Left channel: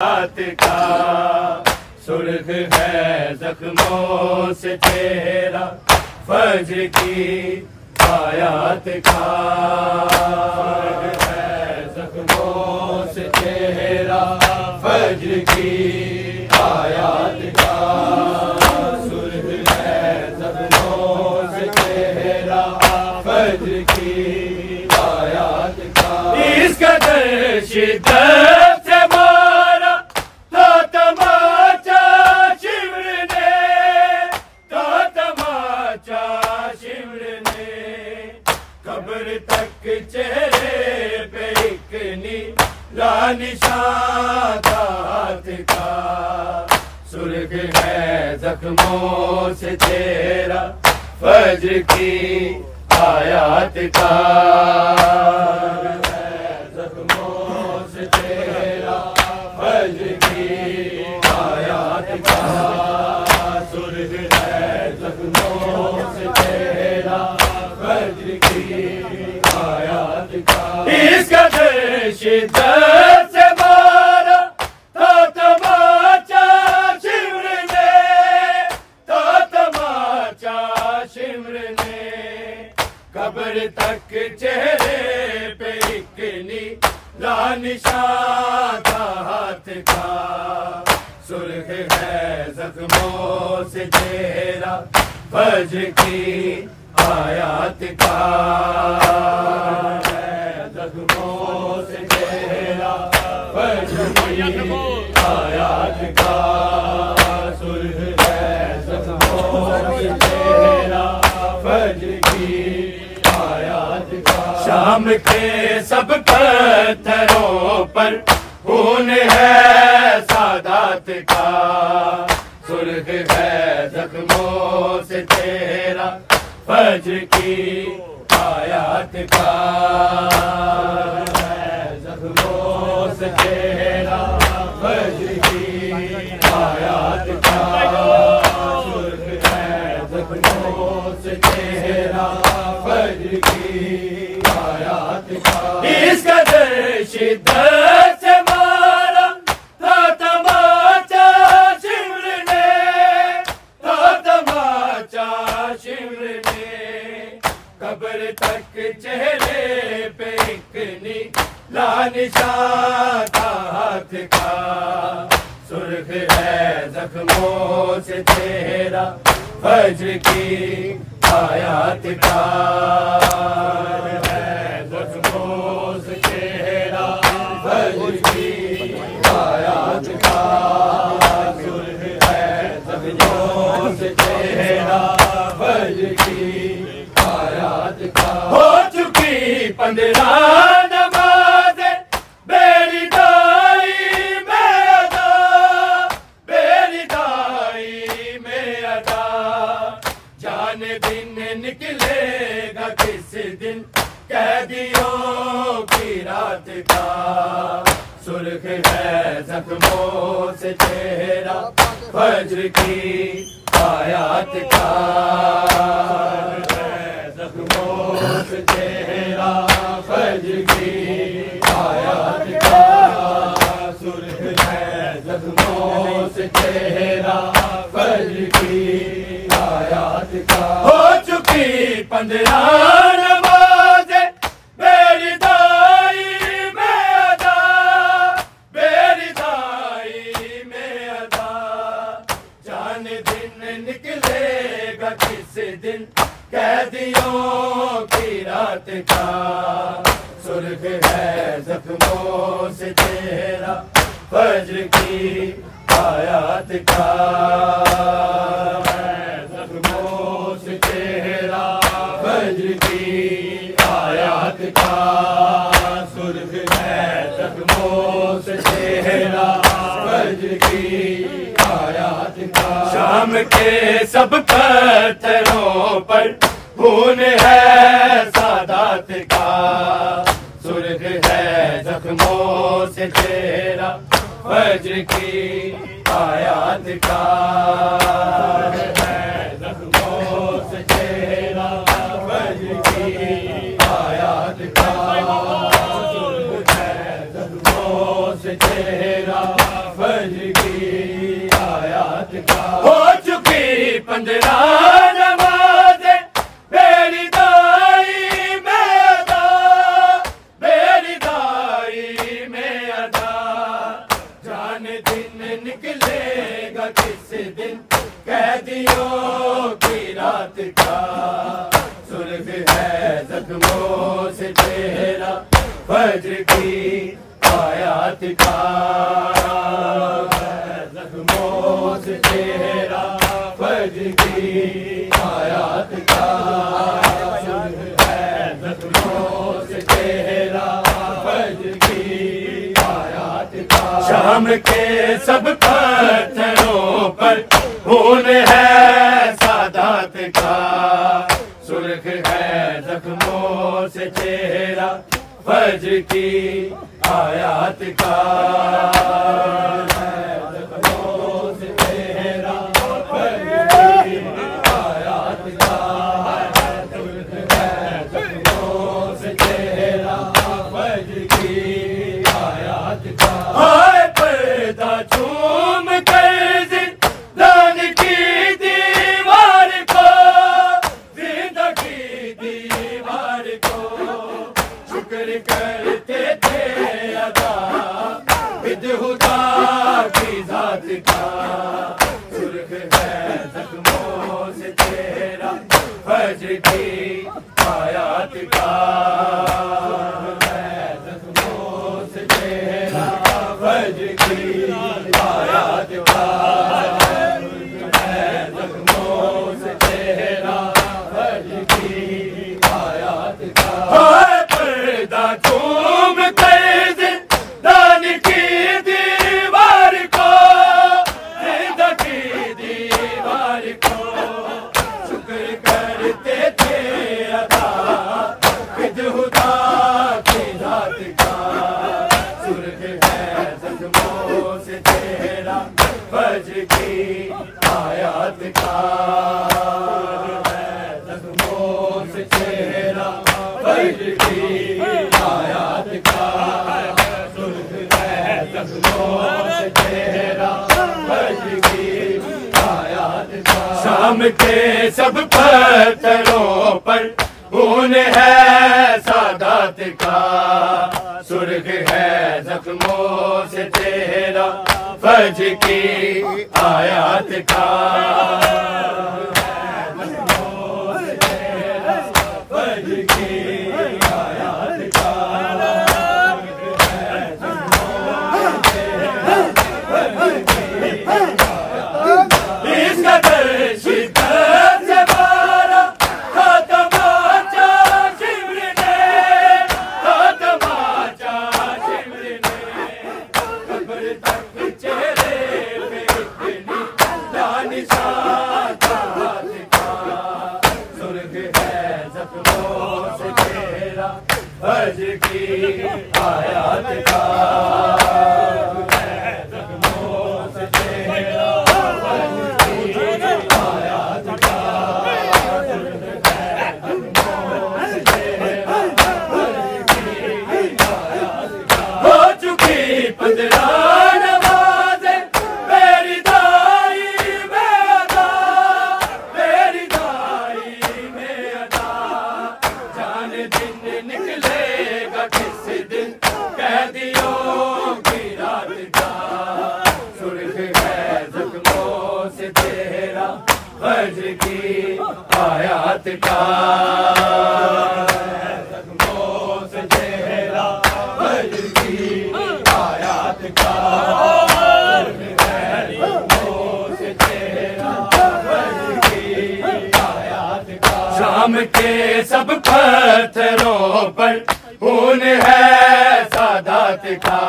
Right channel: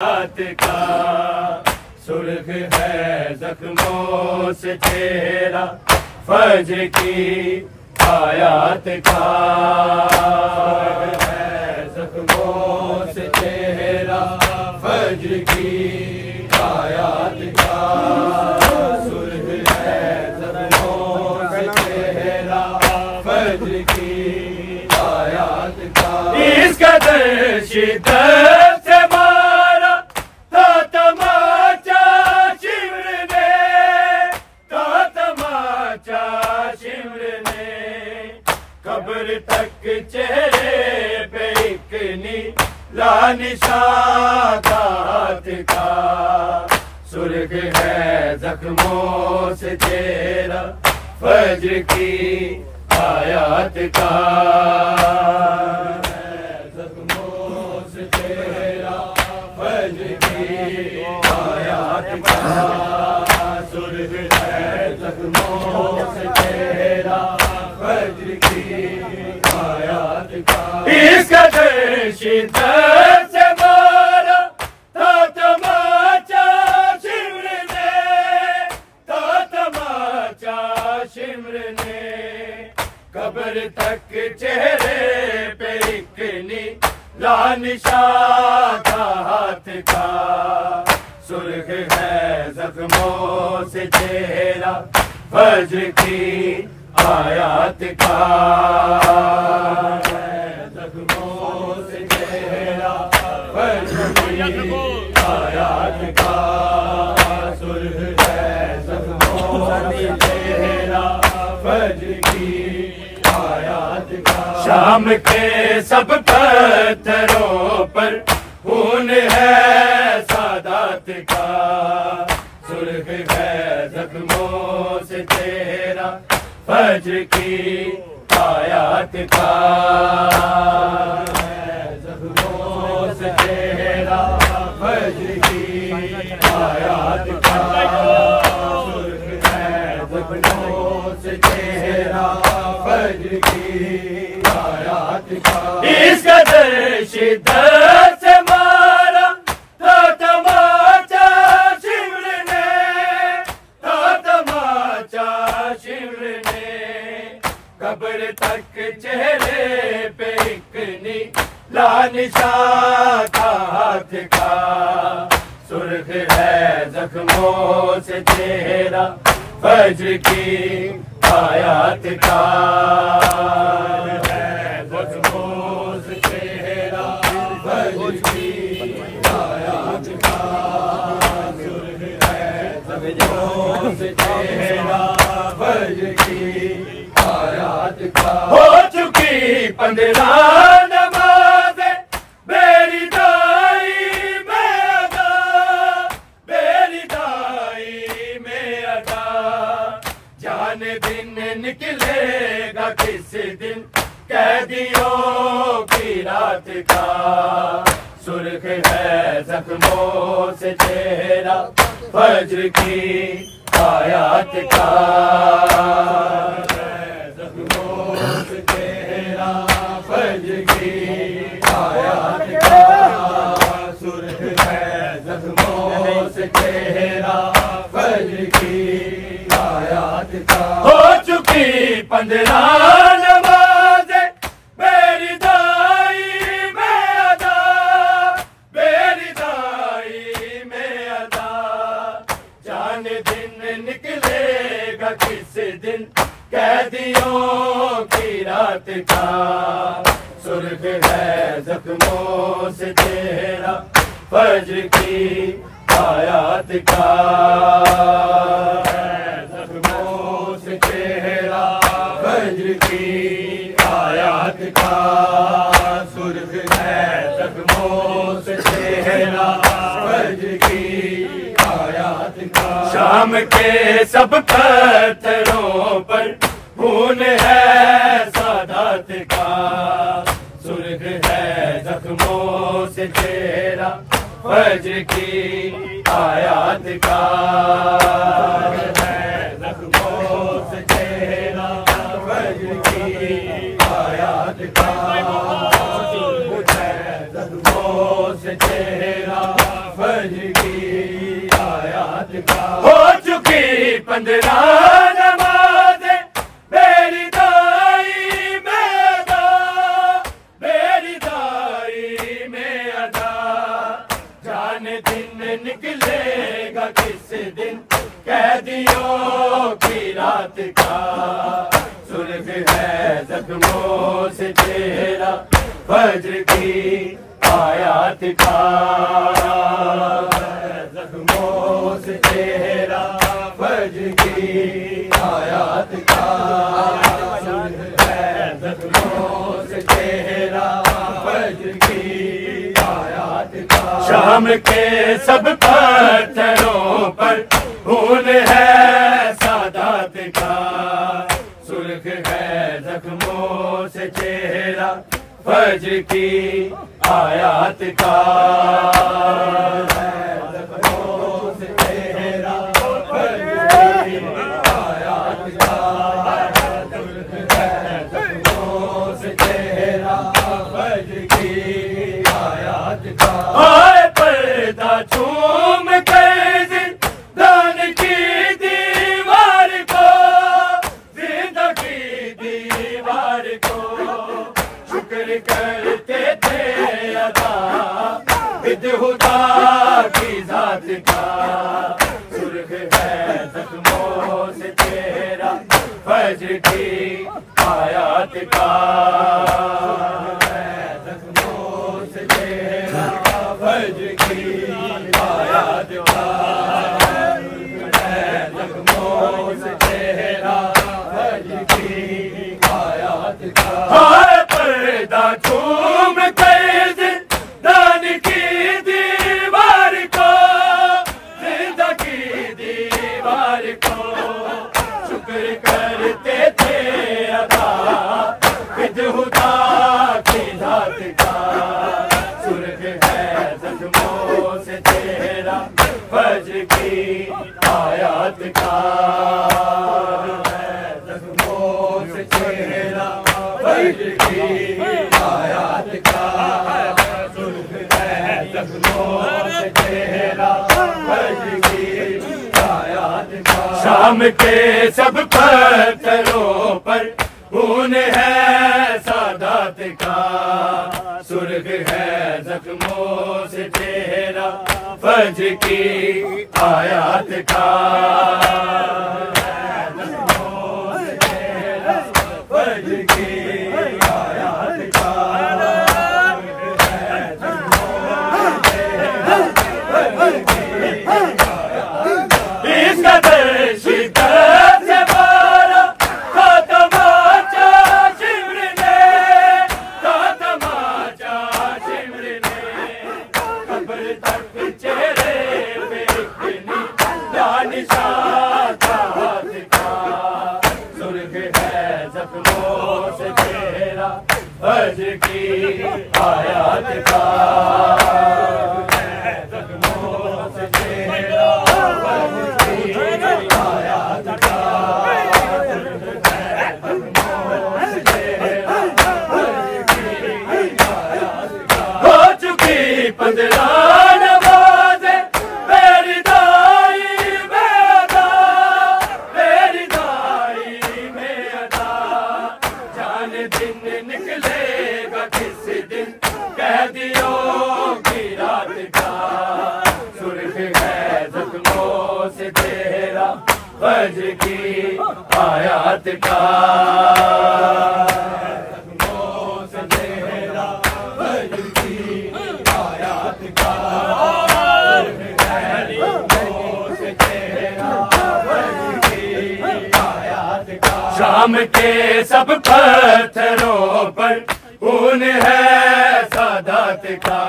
रात का सुर्ख है जख्मों से चेहरा, फज्र की आयात का सुर्ख है जख्मों से चेहरा, फज्र की आयात का सुर्ख है जख्मों से चेहरा, फज्र की आयात का। इसका शिद्दत से मारा था तमाचा शिमर ने, था तमाचा शिमर ने, कब्र तक चेहरे पे एक नीला निशान था हाथ का। सुर्ख है जख्मों से चेहरा, फज्र की आयात का इसका शिद्दत से मारा था तमाचा शिमर ने, था तमाचा शिमर ने, कब्र तक चेहरे पे एक नीला निशान था हाथ का। सुर्ख है जख्मों से चेहरा, फज्र की आयात का जख्मों से चेहरा, फज्र की आयात का। सुर्ख है जख्मों से चेहरा, फज्र की आयात का। शाम के सब पत्थरों पर खून है सादात का। सुर्ख है जख्मों से चेहरा, फज्र की आयात का। जख्मों से चेहरा, फज्र की आयात का। सुर्ख है जख्मों से चेहरा, फज्र की आयात का। इसका शिद्दत से मारा था तमाचा शिमर ने, था तमाचा शिमर ने, कब्र तक चेहरे पे एक नीला निशान था हाथ का। सुर्ख है जख्मों से चेहरा, फज्र की आयात का। है जख्मों से चेहरा, फज्र की आयात का। सुर्ख है जख्मों से चेहरा, फज्र की आयात का। हो चुकी 15 नमाज़ें मेरी दाई में अदा, मेरी दाई में अदा। जान दिन निकलेगा किस दिन कैदियों की रात का। सुर्ख है जख्मों से चेहरा, फज्र की आयात का। जख्मों से चेहरा, फज्र की आयात का। सुर्ख है जख्मों से चेहरा, फज्र की आयात का। हो चुकी 15 नमाज़ें मेरी दाई में अदा, मेरी दाई में अदा। जान दिन निकलेगा किस दिन कैदियों की रात का। सुर्ख है जख्मों से चेहरा, फज्र की आयात का। जख्मों से चेहरा, फज्र की आयात का। सुर्ख है जख्मों से चेहरा, फज्र की आयात का। शाम के सब पत्थरों पर खून है सादात का। सुर्ख है जख्मों से चेहरा, फज्र की आयात का। है जख्मों से चेहरा, फज्र की आयात का। सुर्ख है जख्मों से चेहरा, फज्र की आयात का। हो चुकी 15 नमाज़ें मेरी दाई में अदा, मेरी दाई में अदा। जाने दिन निकलेगा किस दिन कैदियों की रात का। सुर्ख है जख्मों से चेहरा फज्र की आयात का। जख्मों से चेहरा फज्र की आयात का। सुर्ख है जख्मों से चेहरा फज्र की आयात का। शाम के सब पत्थरों पर खून है सादात का। सुर्ख है जख्मों से चेहरा फज्र की आयात का। जख्मों से चेहरा फज्र की आयात का। सुर्ख है जख्मों से चेहरा फज्र की आयात का। ओए पर्दा चूम कर जिंदान की दीवार को, जिंदगी दीवार को शुक्र करते थे अदा विदहुदा की जात का। सुर्ख है जख्मों से चेहरा फज्र की आयात का। जख्मों से चेहरा फज्र की आयात का। जख्मों से चेहरा फज्र की आयात का। पर्दा चूम कर जिंदान की दीवार को, जिंदगी दीवार को शुक्र करते थे अदा विदहुदा की जात का। सुर्ख है जख्मों से चेहरा फज्र की आयात का। जख्मों से चेहरा फज्र की आयात का। सुर्ख है जख्मों से चेहरा फज्र की आयात का। शाम के सब पत्थरों पर खून है सादात का। सुर्ख है जख्मों से चेहरा फज्र की आयात का। फज्र की आयात का। जख्मों से चेहरा फज्र की आयात का। जख्मों से चेहरा फज्र की आयात का। हो चुकी 15 नमाज़ें मेरी दाई में अदा, मेरी दाई में अदा। जाने दिन निकलेगा किस दिन कैदियों की रात का। सुर्ख है जख्मों से चेहरा फज्र की आयात का। जख्मों से चेहरा फज्र की आयात का। जख्मों से चेहरा फज्र की आयात का। शाम के सब पत्थरों पर खून है सादात का।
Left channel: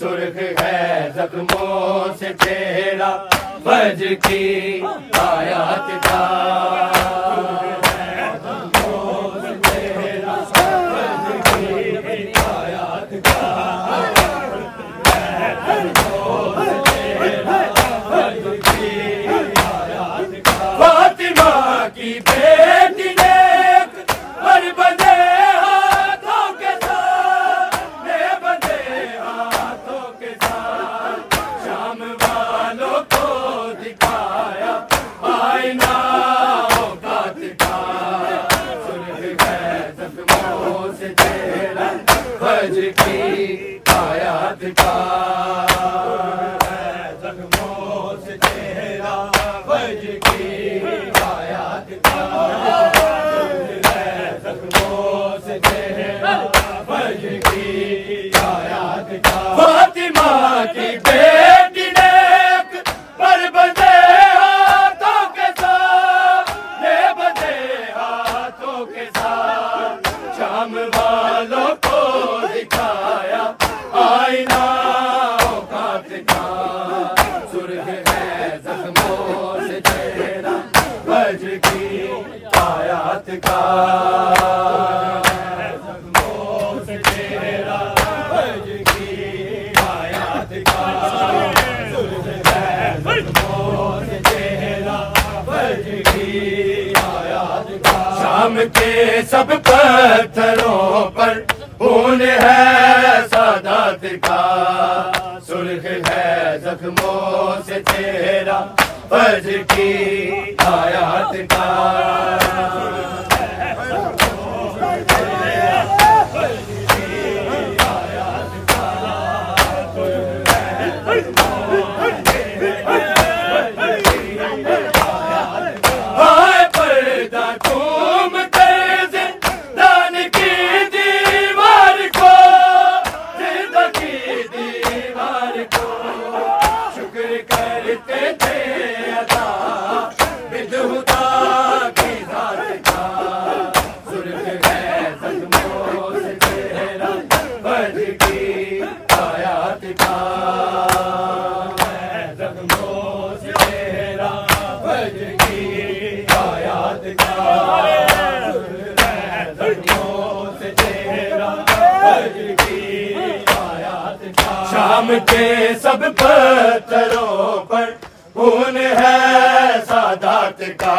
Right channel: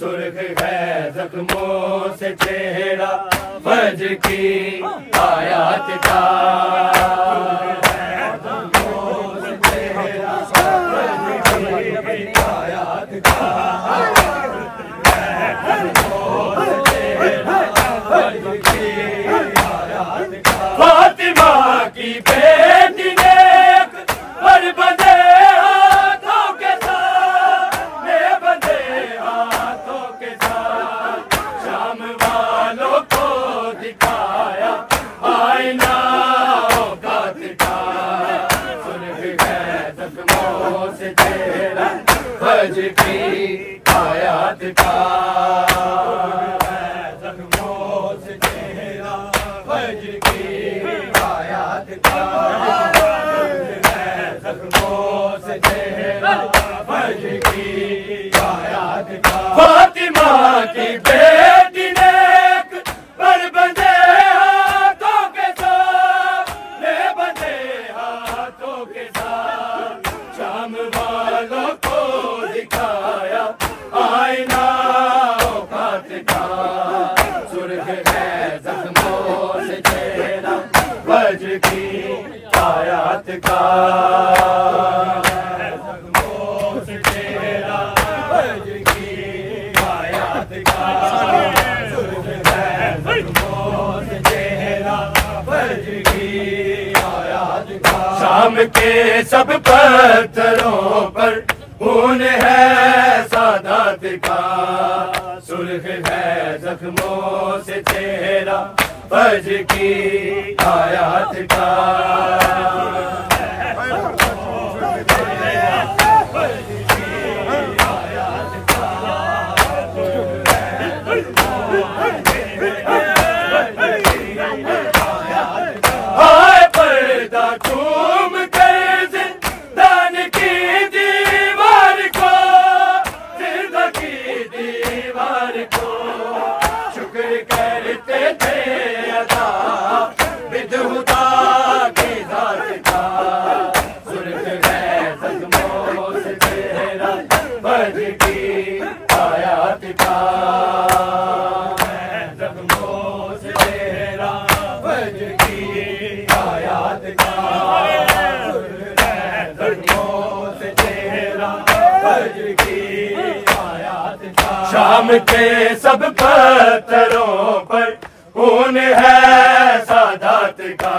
सुर्ख है जख्मों से चेहरा फज्र की आयात का। जख्मों से चेहरा फज्र की आयात का। जख्मों से चेहरा फज्र की आयात का। फातिमा की बेटी ने हर बंदे हाथों के साथ, बंदे हाथों के साथ शाम के सब पत्थरों पर खून है सादात का, सुर्ख है जख्मों से चेहरा फज्र की आयात का। शाम के सब पत्थरों पर खून है सादात का,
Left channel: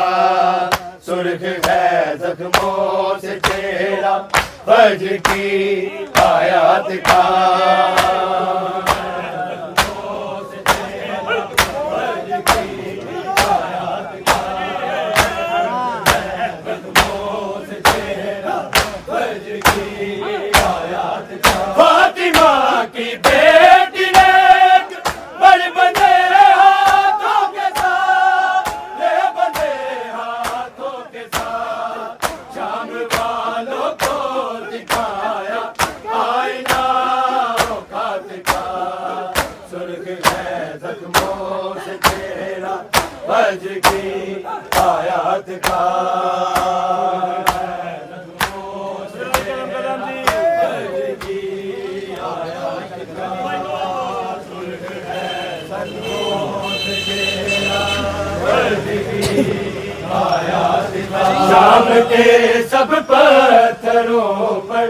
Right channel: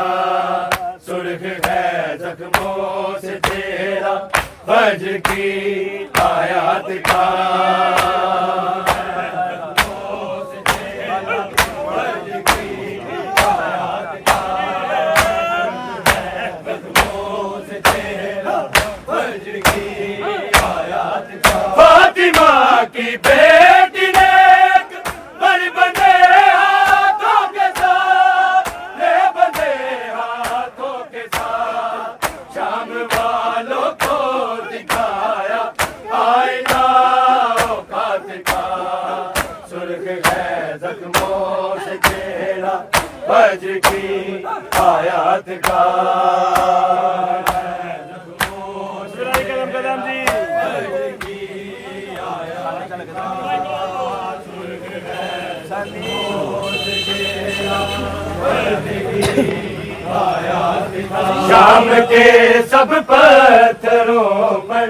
सुर्ख है जख्मों से चेहरा फज्र की आयात का। फातिमा की बेटी ने बल बंधे हाथों के साथ, ले बंधे हाथों के साथ, शाम वालों को दिखाया आईना औकात का, सुर्ख है जख्मों से चेहरा फज्र की आयात का। शाम के सब पत्थरों पर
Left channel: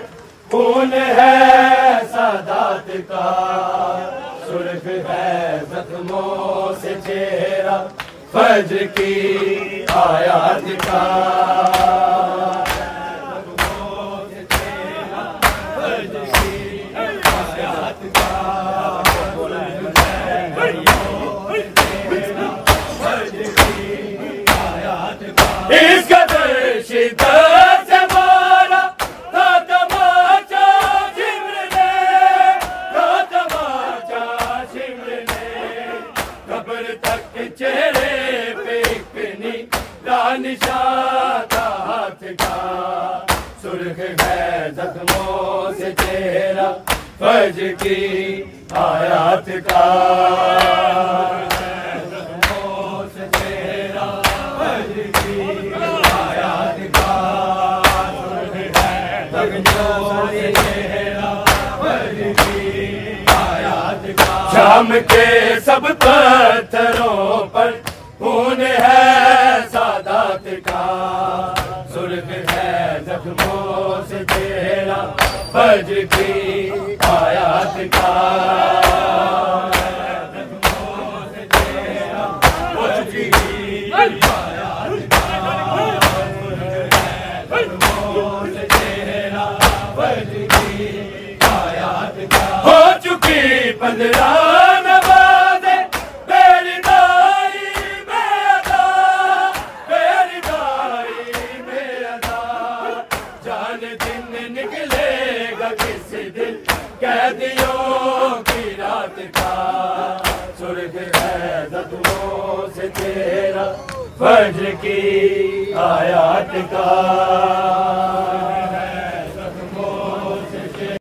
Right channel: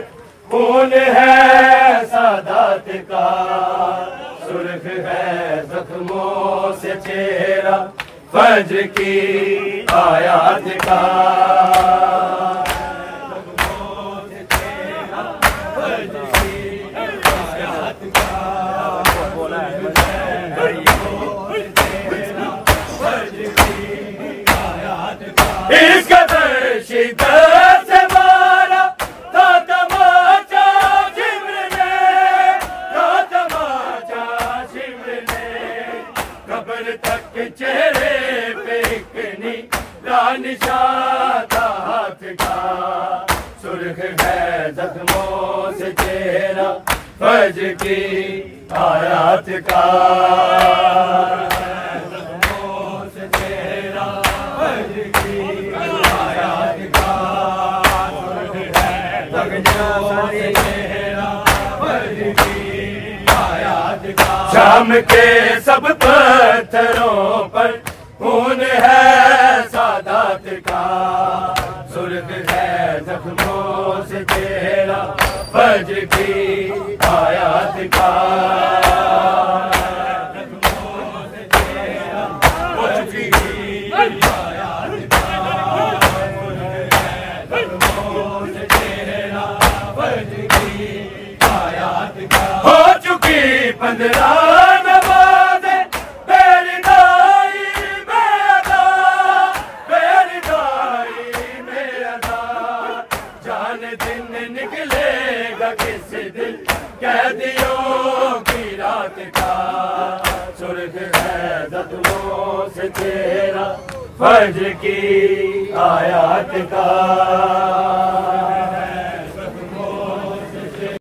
खून है सादात का, सुर्ख है जख्मों से चेहरा फज्र की आयात का। इस कदर शिद्दत से मारा था तमाचा शिमर ने, था तमाचा शिमर ने, कब्र तक चेहरे पे इतनी निशान था हाथ का, सुर्ख है जख्मों से चेहरा फज्र की आयात का। शाम के सब पत्थरों पर खून है सादात का, सुर्ख है जख्मों से चेहरा फज्र की आयात का। हो चुकी 15 नवाज़े मेरी दाई में अदा, मेरी दाई में अदा, जान दिन निकलेगा किस दिन कैदियों की रात का, सुर्ख है जख्मों से चेहरा फज्र की आयात का।